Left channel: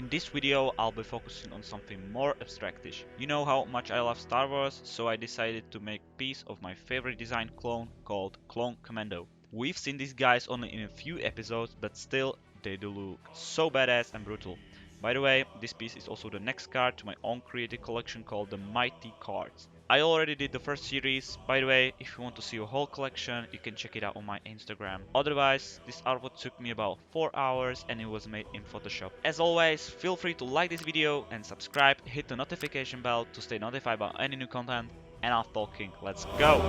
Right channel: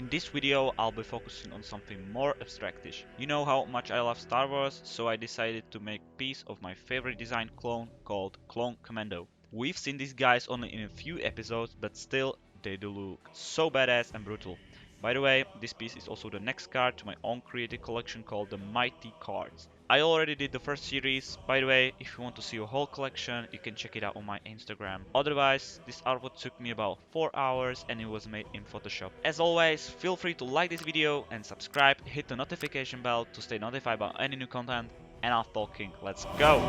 In this video, I'll be focusing on something more abstractish. You know how much I love Star Wars, so I decided to make a piece of my favorite design clone called Clone Commando. We've seen these guys only in a few episodes, but still, they do look so badass and brutal. By the way, this piece is also the next card to my own creative collection called the Mighty Cards. I already did the first series. By the way, if you want to see a whole collection, you can check it out on my Instagram. Otherwise, this artwork took me about 4 hours and it was made in Photoshop. As always, feel free to like this video and subscribe, hit the notification bell to stay notified about any new content. And I'm talking, let's go!